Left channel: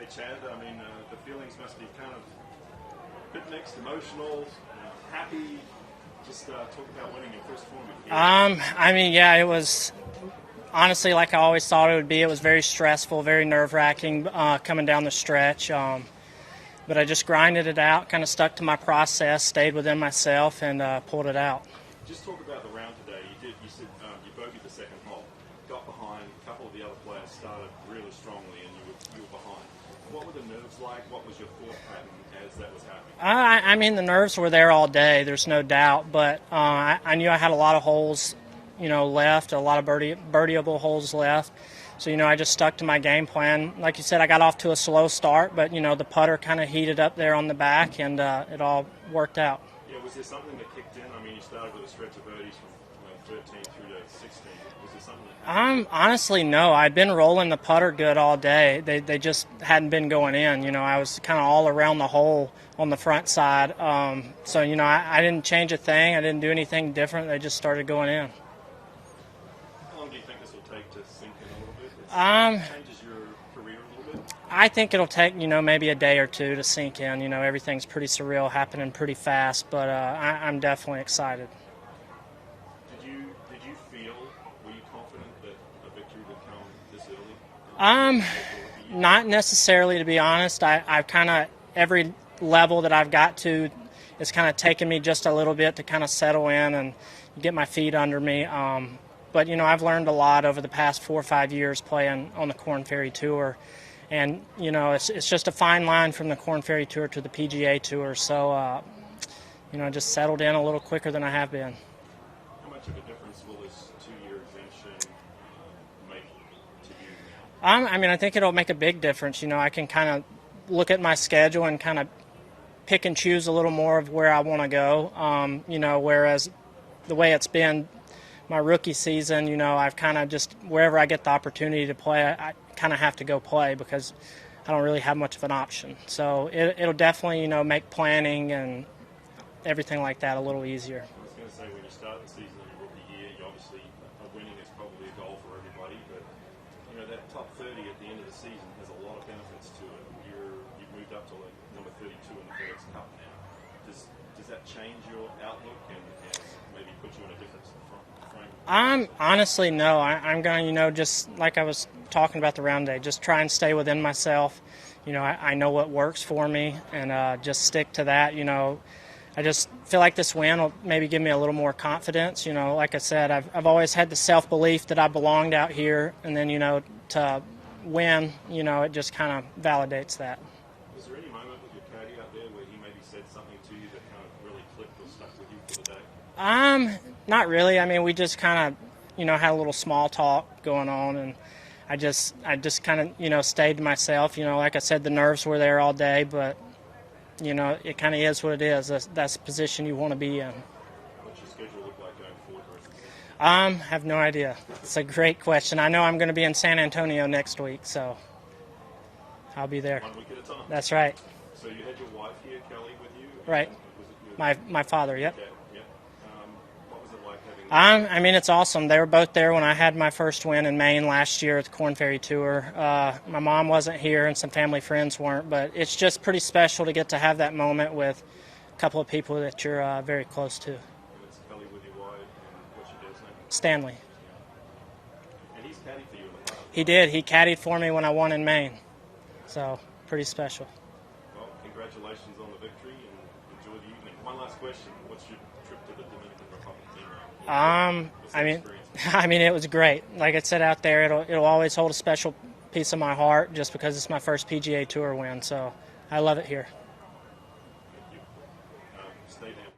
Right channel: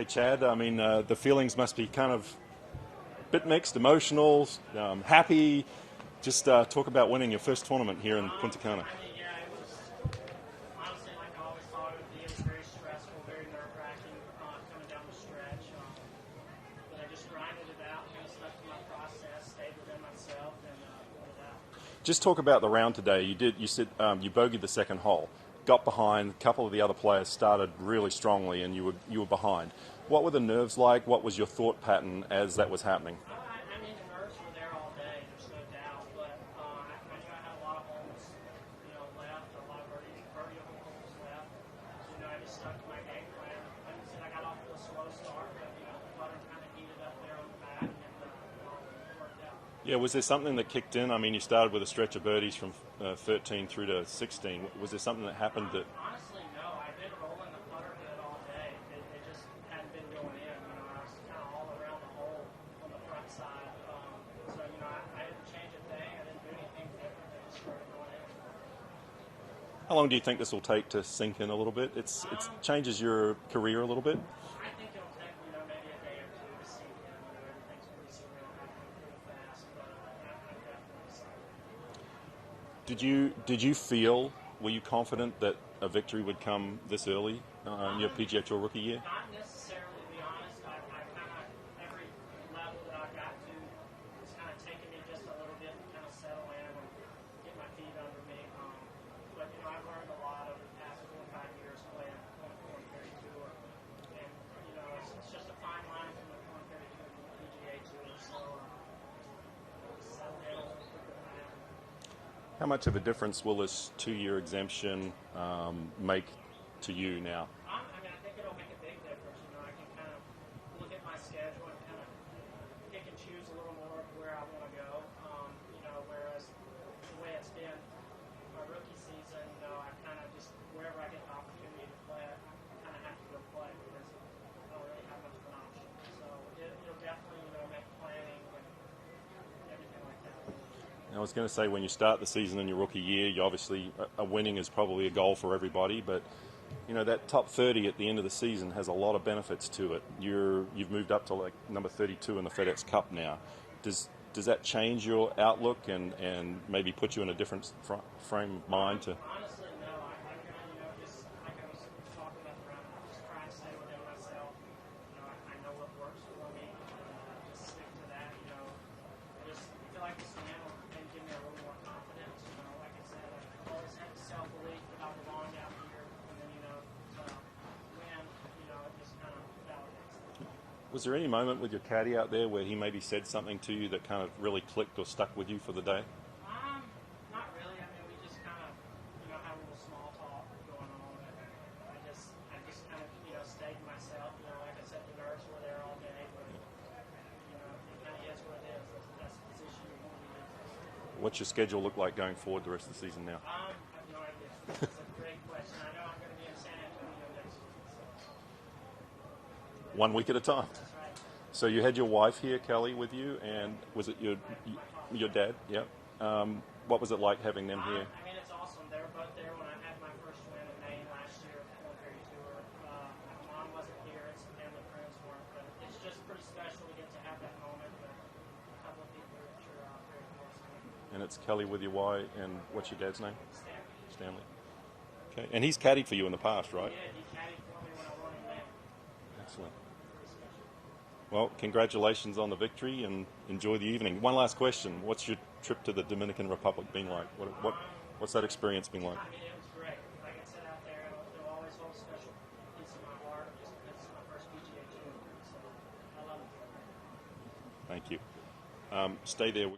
Okay, Chad, I mean, the feelings must be kind of a bit mixed, emotional, happy. Just talk about winning your first tournament here. I mean, yeah, it was honestly like I always thought it would be. It was very stressful, very nerve-wracking coming down the stretch. But I just grinded it out, kind of stuck to my process, stayed within myself, and pulled it out. Just talk about the round today. You said you bogeyed the second hole, got behind. A couple of the other players started really strongly, and you were behind. What were the nerves like? What was your thought pattern as that was happening? I mean, the nerves were there all day. There's no doubt. But I knew I had a lot of holes, left, a lot of birdieable holes left. So, I just stuck to my game plan. Like you said, I got off to a slow start, but, the putter kind of heated up there on the back, and it all worked out. Yeah, was there something that kicked in? I mean, you started with a stretch of birdies from 13 through to 16. Was there something that happened? Honestly, no. I'd been rolling the putter good all day. They just hadn't been going in. I was kind of all around the hole on the front side. So, I didn't change a thing. I didn't do anything different. They just started going in. How long do you think this will take to sink in a little bit? It changes your career a little bit? I think it'll take, maybe a day or two to sink in. Everything's pretty surreal, happening pretty fast, but I'm definitely excited. Did you feel, were you confident that a victory would come this early? To get to a rookie year? Not necessarily, to be honest. I've kind of, every level that I've got to, it's kind of taken me just a little bit to kind of settle in and get my feet under me. But, I've learned a lot over the past 4 or 5 years playing on the Korn Ferry Tour. And, it's just a fine line from the Korn Ferry Tour to the PGA Tour. So, I just settled in a little quicker than I have been. How much of a difference will this 2-year exemption make to you now? I mean, I think it'll make a big difference. I can kind of look at my schedule and kind of pick and choose a little more of where I want to go. Whereas the way it's been my rookie season, I've kind of just, wherever I get the opportunity to play, I kind of have to go play because I don't really have much of an option. So it'll definitely, make planning and everything like that a little easier. I was going to say, when you start the season in your rookie year, you obviously, a winning is probably a goal for everybody, but that top 30 at the end of the season has a lot of benefits to it. You've moved up to like number 32 in the FedEx Cup now. Does that change your outlook and maybe put you in a different frame? Honestly, no. I'm going to, just like I was talking about the round day, just try and stay within myself. I know what works for me, and just stick to that. I just feel like this win will maybe give me a little more confidence. Like I said, I've always had the self-belief that I belonged out here, and then, to win, it just kind of validates that. Was there any moment with your caddy out there where he maybe said something to you that kind of really clicked or stuck with you for the day? Not really. I mean, we just kind of, had a little small talk going on, and I just kind of, stayed to myself. Like I said, the nerves were there all day, but, it kind of is what it is. That's the position you want to be in. What's your schedule look like going forward the rest of the season now? Have no idea. It's a great question. I know I'm going to be in San Antonio next week, so I'll be there. 1 week at a time. That's right. So you had your wife here, Kelly, with you? And right. Was it your my father? Your yep. dad? Yep. What was it like having them? I mean, it's awesome. They were both there when I had my first win in Maine last year at the Korn Ferry Tour. My mom wasn't here, and some family friends weren't, but it's just pretty special to get to have that moment with a couple of people that you're very close to. And it's Kelly with your wife, and what's your dad's name? Stanley. Stanley. Okay. And he's caddied for you in the past, right? He did. He caddied for me when I won in Maine. So, pretty special. Well, congratulations on the victory, and enjoy the evening. One last question. What's your trip to the Dominican Republic been like? What's that experience been like? I mean, it was great. Like I said, out there, it'll always hold a special piece of my heart just because it's my first PGA Tour win. So I love it here. Thank you. Stay there.